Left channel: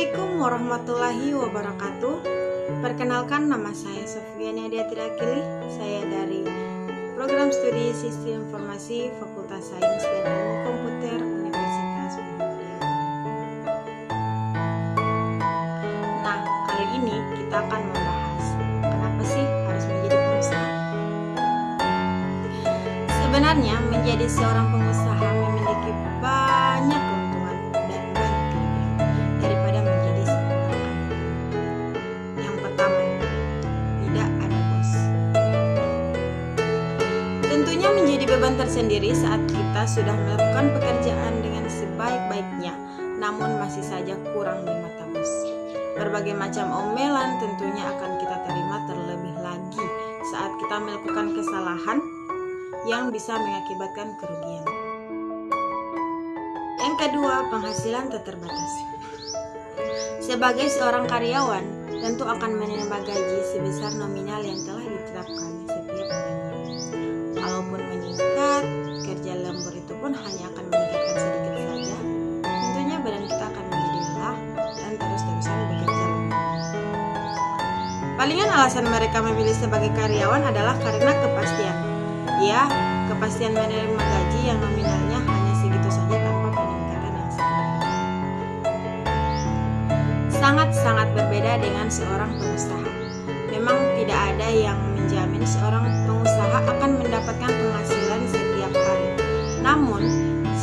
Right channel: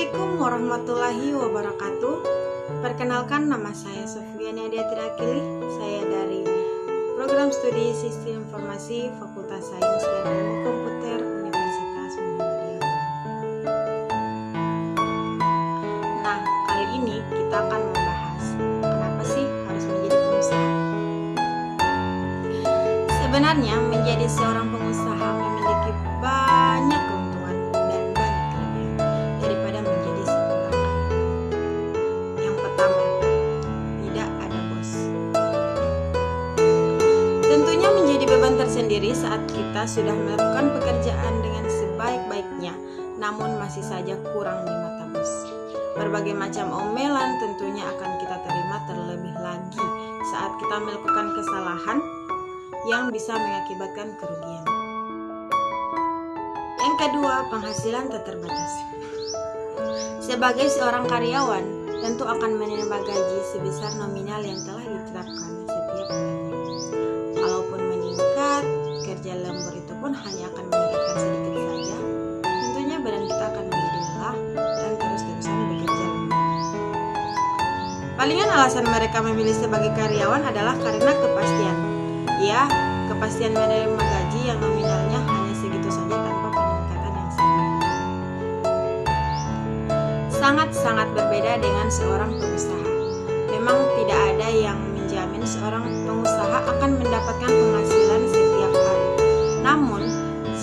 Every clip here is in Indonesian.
Assalamualaikum warahmatullahi wabarakatuh. Perkenalkan, nama saya Sofiani Adiatira Akili. Saya dari Program Studi Sistem Informasi Fakultas Sains dan Ilmu Komputer Universitas Muhammadiyah. Nah, kali ini kita akan membahas kenapa sih harus menjadi pengusaha. Sebenarnya menjadi seorang pengusaha memiliki banyak keuntungan dan banyak kelebihan daripada menjadi seorang karyawan. Yang pertama, tidak ada bos. Tentunya menjadi beban tersendiri saat kita sudah melakukan pekerjaan dengan sebaik-baiknya, namun masih saja kurang di mata bos. Berbagai macam omelan tentunya akan kita terima, terlebih lagi saat kita melakukan kesalahan yang bisa mengakibatkan kerugian. Yang kedua, penghasilan tak terbatas. Sebagai seorang karyawan, tentu akan menerima gaji sebesar nominal yang telah ditetapkan setiap bulannya. Kalaupun meningkat, kerja lembur itu pun hanya akan meningkatkan sedikit saja. Tentunya badan kita akan menjadi lelah dan terus-terusan bekerja lembur. Palingan alasan mereka memilih sebagai karyawan adalah karena kepastian. Ya, kepastian menerima gaji yang nominalnya hanya segitu saja tanpa peningkatan yang signifikan. Sangat-sangat berbeda dengan seorang pengusaha. Memang tidak ada yang menjamin seorang pengusaha akan mendapatkan penghasilan setiap hari. Namun,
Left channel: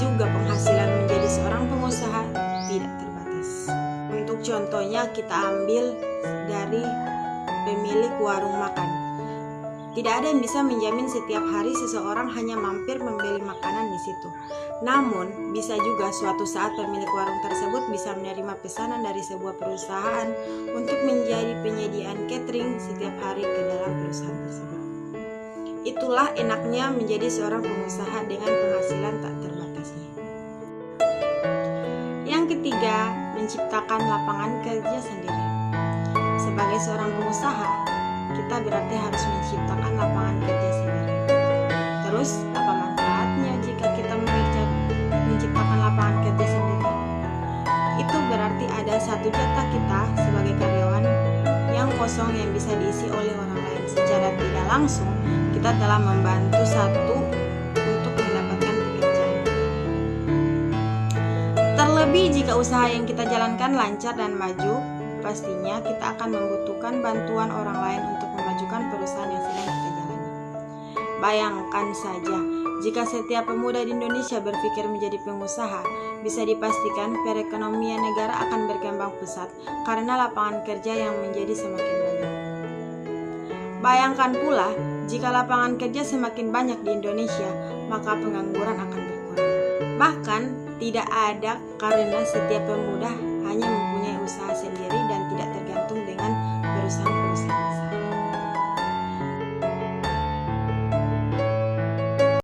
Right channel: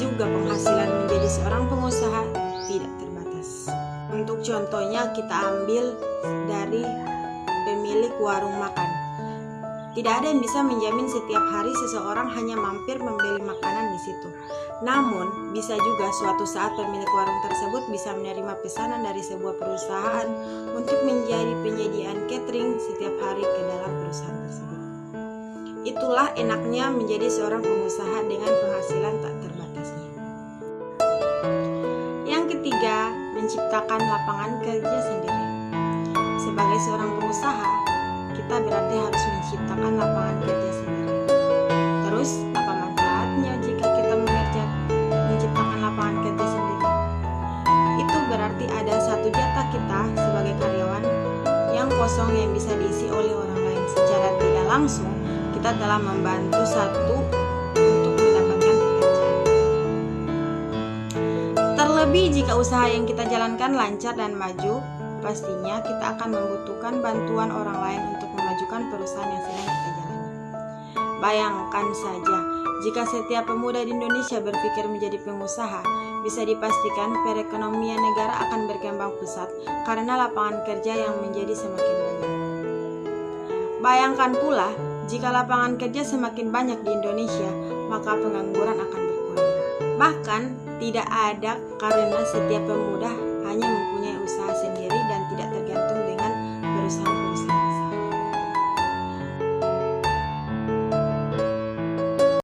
juga penghasilan menjadi seorang pengusaha tidak terbatas. Untuk contohnya kita ambil dari pemilik warung makan. Tidak ada yang bisa menjamin setiap hari seseorang hanya mampir membeli makanan di situ. Namun, bisa juga suatu saat pemilik warung tersebut bisa menerima pesanan dari sebuah perusahaan untuk menjadi penyediaan catering setiap hari ke dalam perusahaan tersebut. Itulah enaknya menjadi seorang pengusaha dengan penghasilan tak terbatasnya. Yang ketiga, menciptakan lapangan kerja sendiri. Sebagai seorang pengusaha, kita berarti harus menciptakan lapangan kerja sendiri. Terus, apa manfaatnya jika kita menciptakan lapangan kerja sendiri? Itu berarti ada satu jatah kita sebagai karyawan yang kosong yang bisa diisi oleh orang lain. Secara tidak langsung, kita telah membantu satu untuk mendapatkan pekerjaan. Terlebih jika usaha yang kita jalankan lancar dan maju, pastinya kita akan membutuhkan bantuan orang lain untuk memajukan perusahaan yang sedang kita jalani. Bayangkan saja, jika setiap pemuda di Indonesia berpikir menjadi pengusaha, bisa dipastikan perekonomian negara akan berkembang pesat karena lapangan kerja yang menjadi semakin banyak. Bayangkan pula, jika lapangan kerja semakin banyak di Indonesia, maka pengangguran akan berkurang. Bahkan, tidak ada karena setiap pemuda hanya mempunyai usaha